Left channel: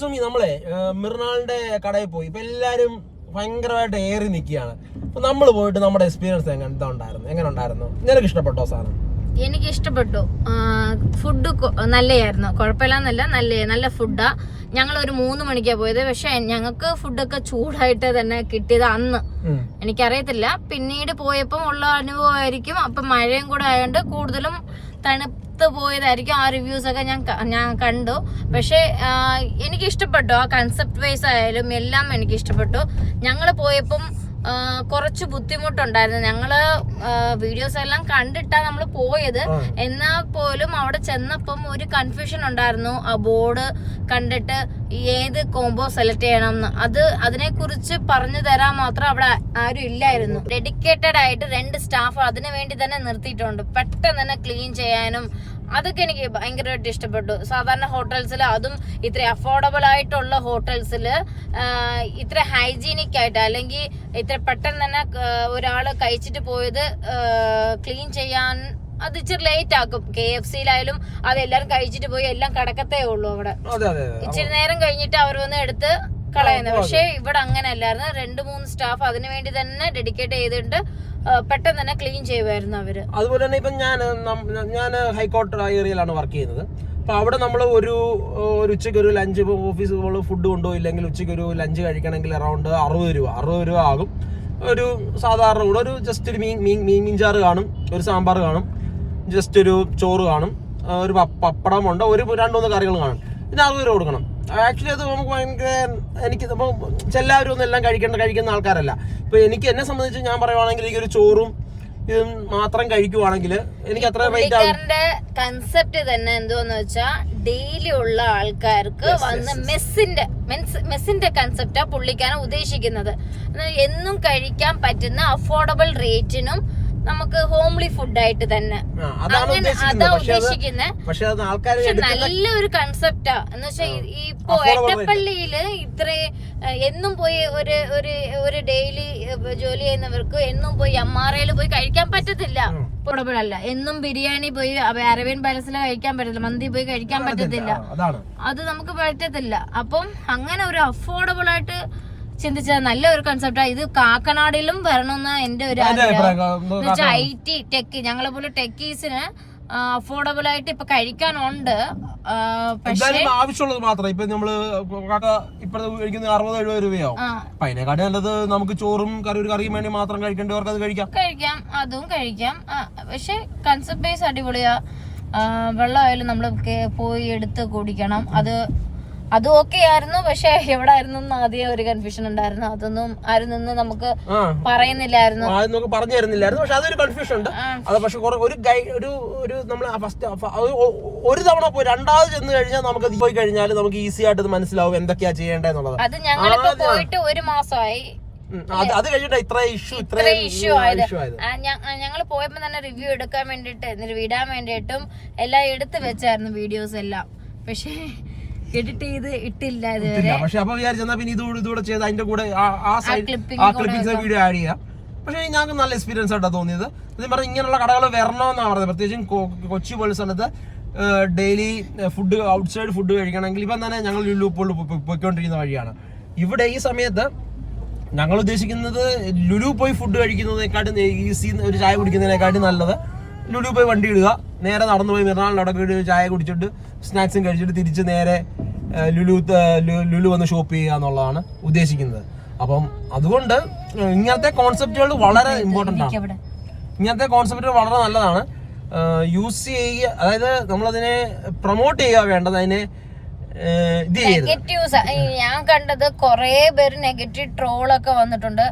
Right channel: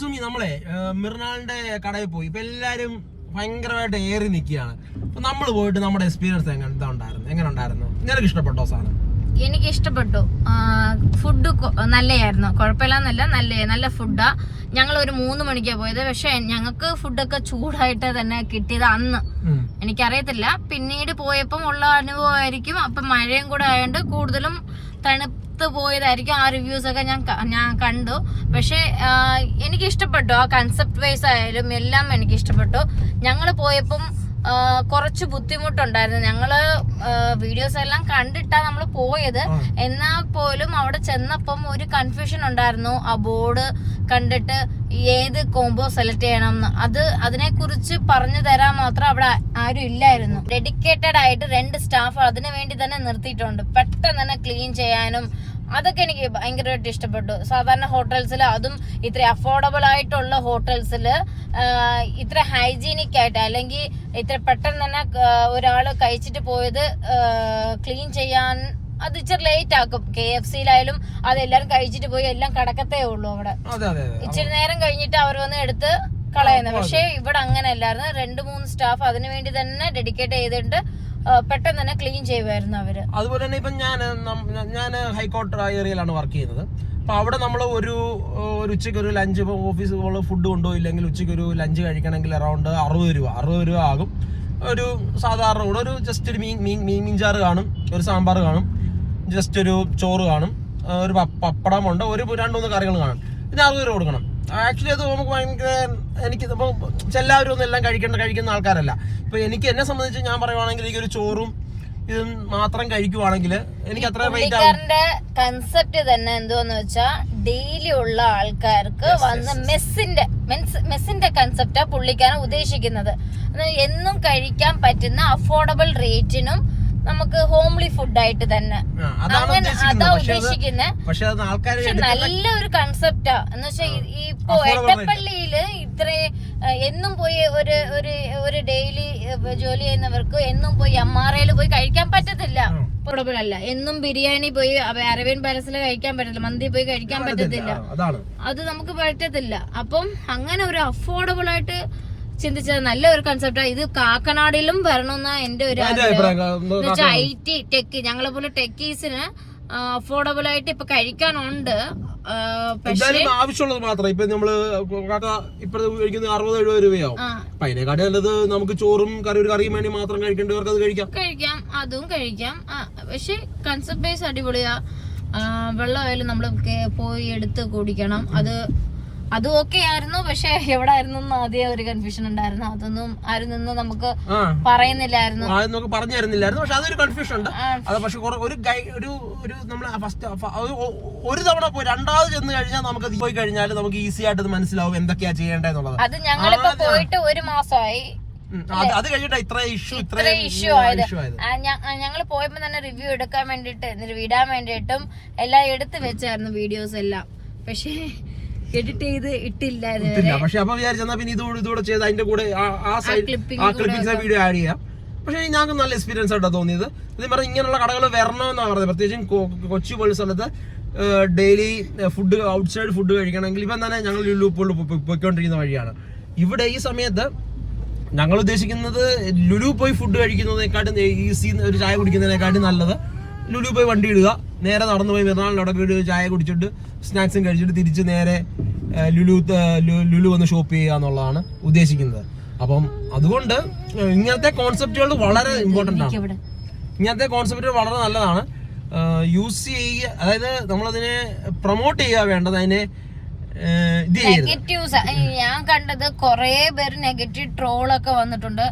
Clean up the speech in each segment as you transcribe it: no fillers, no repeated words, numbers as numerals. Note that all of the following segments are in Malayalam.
സുമി നമ്മളെ മിർനാളിന്റെ കടയിൽ പോയി. ഇപ്പൊ എല്ലാരും ഭയങ്കരമായിട്ട് ഏറി നിൽക്കുകയാണ്. അപ്പൊ നമ്മൾ പോയിട്ട് നമ്മുടെ എക്സ്പീരിയൻസ് എങ്ങനെ ഉണ്ടായിരുന്നു? നിനക്ക് ഇഷ്ടപ്പെട്ടോ സാധനം? എനിക്ക് ഇഷ്ടപ്പെട്ടു. ഫുഡ് നല്ലതായിരുന്നു, കുഴപ്പമില്ലെന്നല്ല, നല്ല ഫുഡാ. ഞങ്ങൾ ഒരു 3 മണിക്കാണ് പോയത്. പക്ഷെ ഞങ്ങൾക്ക് ഫുഡൊക്കെ ചൂടായിട്ട് തന്നെ കിട്ടിയത് അന്ന്. എനിക്കറിയത്തില്ല, പിന്നീട് പോയപ്പം ഉള്ള അനുഭവമായിരിക്കും. അപ്പം മഴയും കൂടെ ആയതുകൊണ്ട് കൂടുതലും തണുത്ത് പോയതായിരിക്കും. ആ റിവ്യൂസ് ഒക്കെ ഞാൻ കണ്ടു. പക്ഷെ എനിക്ക് ഇഷ്ടപ്പെട്ടു. ആ കൺസെപ്റ്റ് വൈസ് ആയാലും എല്ലാം എനിക്ക് ഇഷ്ടപ്പെട്ടു. ഞങ്ങൾ പോയപ്പം കുറച്ച് ബുദ്ധിമുട്ടുണ്ടായിരുന്നു. ഞങ്ങള് വീഡിയോസ് എല്ലാം കണ്ടിട്ടാ നമ്മൾ പോയത്. എന്നാൽ പോലും അവിടെ ചെന്നപ്പം ഒരു കൺഫ്യൂഷൻ ഉണ്ടായിരുന്നു. ആ ബോർഡ് കണ്ടിട്ട് ഏത് കോംബോ സെലക്ട് ചെയ്യണം എന്ന് അതിനെ കുറിച്ച് പറഞ്ഞു തരാൻ മാത്രം അവിടെ ആരും ഇല്ലായിരുന്നു. ഡെഡിക്കേറ്റഡ് ആയിട്ട് 2 സ്റ്റാഫ് അതിനു വേണ്ടി തന്നെ നിർത്തിയിട്ടുണ്ട്. പെട്ടെന്ന് തന്നെ ക്ലീൻ ചെയ്യാനും അതൊക്കെ എനിക്ക് ഭയങ്കരമായിട്ട് ഇഷ്ടപ്പെട്ടു. സാധാരണ ഹോട്ടൽസിൽ, അതും ഇത്ര അഫോർഡബിൾ ആയിട്ടുള്ള ഹോട്ടൽസിൽ ഇത്ര ഹൈജീനിക് ആയിട്ട്, അല്ലെങ്കിൽ ഇത്ര പെട്ടെന്ന് തന്നെ ഒരാള് കഴിച്ചിട്ട് പോയത് ക്ലീൻ ചെയ്യാൻ അത് ഇച്ചിരി ലേറ്റ് ആക്കും. KFC-യിലായാലും അതെല്ലാരും കഴിച്ചിട്ട് പോയി എല്ലാം കിടക്കത്തേ ഉള്ളൂ. അവിടെ ഇച്ചിരി നേരം കഴിഞ്ഞിട്ട് അവർ വന്ന് എടുത്ത് കളയുന്നത്. പക്ഷെ ഇവിടെ അങ്ങനെ അല്ലായിരുന്നു. 2-3 സ്റ്റാഫ് അതിനു വേണ്ടി തന്നെ ഡെഡിക്കേറ്റ് ചെയ്തിട്ട് പെട്ടെന്ന് തന്നെ ക്ലീൻ ചെയ്യുമായിരുന്നു അവര്. അതുപോലെ തന്നെ ഇപ്പം ഞാൻ ഹൈക്കോർട്ട് ഏരിയയിലാണ് വർക്ക് ചെയ്യുന്നത്. അപ്പൊ അവിടെ നമ്മൾ ഒരു ഉച്ചയ്ക്ക് ഒരു ലഞ്ച്, ഓഫീസ് ഫുഡ് കൊണ്ടുപോയില്ലെങ്കിൽ ഉച്ചയ്ക്ക് ഒരു ലഞ്ച് കഴിക്കണമെങ്കിൽ അറൗണ്ട് 60 രൂപ ആകും. ഒരു സാധാരണ കൂടെ ഒരു ജസ്റ്റ് ഒരു മീൻചാറ് കാണും, ഒരു സാമ്പാർ കാണും, ജസ്റ്റ് ഒരു ചോറ് കാണും, ഒരു പപ്പടമുണ്ട്, ഒരു 2-3 കറികൾ കാണും. പിന്നെ 60 രൂപ കൊടുക്കണം. ആക്ച്വലി അത് നമുക്ക് ഭയങ്കര, എനിക്ക് ഇപ്പോൾ എല്ലാവരും ഒന്നും എല്ലാം കഴിക്കുന്ന ആൾക്കാരല്ല. ഇപ്പൊ എന്നെ സംബന്ധിച്ച് ഞാൻ പറയുവാണെങ്കിൽ എനിക്കൊരു ചോറും ഇതും മാത്രം കഴിക്കുവാണെങ്കിൽ എനിക്ക് അത്ര പുള്ളിക്കാരന്റെ കൺസെപ്റ്റ് തന്നെ എന്തോന്ന് വെച്ചാൽ ഡെയിലി ഉള്ള ആൾക്കാർക്ക് വന്ന് മെസ്സിന്റെ കൺസെപ്റ്റാ പുള്ളിക്കാരൻ ഉദ്ദേശിക്കുന്നത്. എന്നും കഴിക്കാൻ പറ്റുന്ന അഫോർഡബിൾ റേറ്റിനും നമുക്ക് ഹോംലി ഫുഡായിട്ട് തന്നെ അങ്ങനെ അതാ ഉദ്ദേശിക്കുന്നത്. പക്ഷെ നല്ലൊരു കൺസെപ്റ്റാ. എന്ന് വെച്ചാൽ ഇപ്പൊ എട്ടപ്പള്ളിയില് ഇത്ര എന്നും പോയി ഒരു ഡെയിലി ജോലി ചെയ്യുന്നവർക്ക് എന്നും പോയി MRAയിൽ പോയി കഴിക്കാൻ പറ്റത്തില്ല. അഫോർഡബിൾ അല്ല. എന്നും ബിരിയാണി പോയി അരവിന്ദ് പാലസിൽ കഴിക്കാൻ പറ്റത്തില്ല, മന്തി പോയി കഴിക്കാൻ പറ്റത്തില്ല. അത് നമുക്ക് പറ്റത്തില്ല. അപ്പം അങ്ങനെ ഒരു അഫോർഡബിൾ ആയിട്ട് ചിന്തിച്ചത് നല്ല ഒരു കൺസെപ്റ്റാ. ഇത് കാക്കനാടിലും വരണമെന്ന എന്റെ ഒരു ആഗ്രഹം. IT ടെക്, ഞങ്ങളെ പോലെ ടെക്കീസിന് അഫോർഡബിൾ ആയിട്ട് ഇപ്പൊ കഴിക്കാനുണ്ട്. പക്ഷേ ആവശ്യമുള്ളത് മാത്രം. ഇപ്പൊ നമ്മള് ഇപ്പഴത്തെ കഴിക്കുന്നത് 60-70 രൂപയാവും. അതിനെക്കാട്ടി നല്ലത് നമുക്ക് ചോറും ഒരു കറിയും വേണ്ടി മാത്രം കഴിക്കേണ്ടവർക്ക് അത് കഴിക്കാം. അതും കഴിക്കാം. പക്ഷെ കൺസെപ്റ്റ് ബേസ് അടിപൊളിയാ. വെള്ളമായാലും നമ്മള് പോയി എടുത്ത് കുടിക്കണം. അത് ഓക്കെ ആയിരുന്നു. പക്ഷെ എവിടെ ആയിരുന്നു ആദ്യം ഒരു കൺഫ്യൂഷൻ ഉണ്ടായിരുന്നു. അതൊന്നും ആരും നിന്ന് നമുക്ക് പറയുന്നില്ലായിരുന്നു, പറഞ്ഞു തരുന്നില്ലായിരുന്നു. പക്ഷെ അതൊരു കൺഫ്യൂഷൻ ഉണ്ട്. അത് പക്ഷെ ഒരു നമ്മള് ഒരു തവണ പോയി 2ാമത് ചെന്ന് കഴിഞ്ഞാൽ നമുക്ക് പോയി കഴിഞ്ഞാൽ നമുക്ക് ഈസി ആയിട്ട് അത് മനസ്സിലാവും എന്തൊക്കെയാ ചെയ്യേണ്ടതെന്നുള്ളത്. അത് ഞങ്ങളിപ്പോ പോയിട്ട് 1 മാസമായി. അത് കഴിഞ്ഞിട്ട് ഇത്ര ഇഷ്യൂ ആയത്. ഞങ്ങൾ പോയപ്പോ തന്നെ റിവ്യൂ എടുക്കാൻ വേണ്ടിട്ട്, വിടാൻ വേണ്ടിയിട്ടും എല്ലാം എടുത്ത് വെച്ചായിരുന്നു വീഡിയോസ് എല്ലാം. പക്ഷേ എഡിറ്റ് ചെയ്ത് ഇട്ടില്ല ഇതുവരെ. പക്ഷെ അപ്പൊ വിചാരിച്ചാ പിന്നെ ഇതൂടെ ചെയ്ത് അതിന്റെ കൂടെ ക്ലിപ്പിംഗ്സ് വീഡിയോ ആഡ് ചെയ്യാം. പക്ഷെ ഞങ്ങൾക്ക് നല്ല എക്സ്പീരിയൻസ് ആയിട്ടാണ് തോന്നിയത്. അതേ പറഞ്ഞാൽ ഇങ്ങനെയുള്ള കടകൾ വരണമെന്നാണ് പറഞ്ഞത്. പ്രത്യേകിച്ചും കൊച്ചി പോലെ സ്ഥലത്ത് ഡെയിലി ഫുഡ്, ഔട്ട്സൈഡ് ഫുഡ് കഴിക്കണമെങ്കിൽ ഇപ്പം തന്നെ ഞങ്ങൾ ലുലു പോയിക്കൊണ്ടിരിക്കുന്ന വഴിയാണ്. ഇവിടെ ഈ സമയത്ത് ഞങ്ങൾ ഉദ്ദേശിക്കുന്നത് ലുലു പോയി ഫുഡ് കഴിക്കുന്നതിനെക്കാട്ടും ഈസി, ഒരു ചായ കുടിക്കുന്നതിനെക്കാട്ടും നല്ലത് ലുലു പോയി വണ്ടി ഇടുക, നേരെ നടന്നു പോയി മിർനാളിനടക്ക് ചായ കുടിച്ചിട്ട് സ്നാക്സും കഴിച്ചിട്ട് തിരിച്ച് നേരെ ലുലു വന്ന് ഷോപ്പ് ചെയ്യുക എന്നുള്ളതാണ് ഉദ്ദേശിക്കുന്നത്. അപ്പം അതുകൊണ്ട് ഇങ്ങനത്തെ കോൺസെപ്റ്റുകൾ വളരെ ഇമ്പോർട്ടൻ്റ് ആണ്. ഇങ്ങനത്തെ കോൺസെപ്റ്റുകൾ വളരെ നല്ലതാണ്. യൂസ് ചെയ്യുക, അതായത് നമ്മളതിനെ പ്രൊമോട്ട് ചെയ്യുക വേണ്ടത്. അതിനെ നെഗറ്റീവ്സ് ഞാൻ കണ്ടത് കുറെ പേര് നെഗറ്റീവ് ട്രോളൊക്കെ വന്നിട്ടുണ്ട്.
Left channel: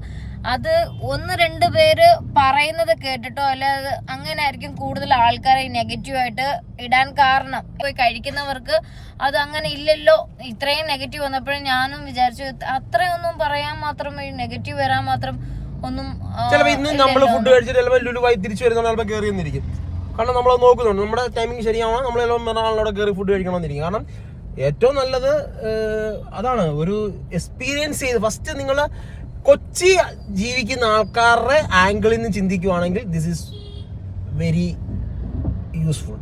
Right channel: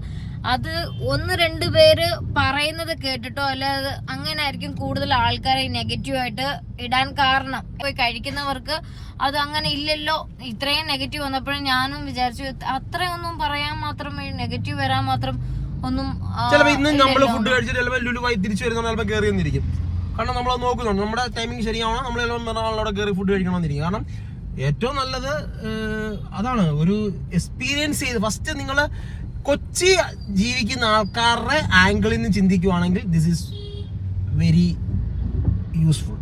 അത് 1-2 പേര് പറയുന്നത് കേട്ടിട്ടോ അല്ലാതെ അങ്ങനെ ആയിരിക്കും കൂടുതൽ ആൾക്കാരെ നെഗറ്റീവായിട്ട് ഇടാൻ കാരണം. പോയി കഴിക്കുന്നവർക്ക് അത് അങ്ങനെ ഇല്ലല്ലോ. ഇത്രയും നെഗറ്റീവ് വന്നപ്പോഴും ഞാനും വിചാരിച്ചു അത്രയൊന്നും പറയാൻ മാത്രം, നെഗറ്റീവ് വരാൻ മാത്രം ഒന്നും. കാരണം നമ്മൾ നോക്കുന്നുണ്ട് നമ്മുടെ ടൈമിംഗ് ശരിയാവണം, നമ്മളെല്ലാം മിർനാളിനോടെ കയറി ഫുഡ് കഴിക്കണമെന്നിരിക്കും. കാരണം ഏറ്റവും നല്ലത് അതാണ്. ഒരു എക്സ്പീരിയൻസ് ചെയ്ത് ഫസ്റ്റ് നിങ്ങൾ കൊച്ചി ജീവിക്കുന്ന ആൾക്കാരുടെ ആംഗിളിൽ നിന്ന് ചിന്തിക്കുവാണെങ്കിൽ ദിസ് ഈസ് വെരി യൂസ്ഫുൾ.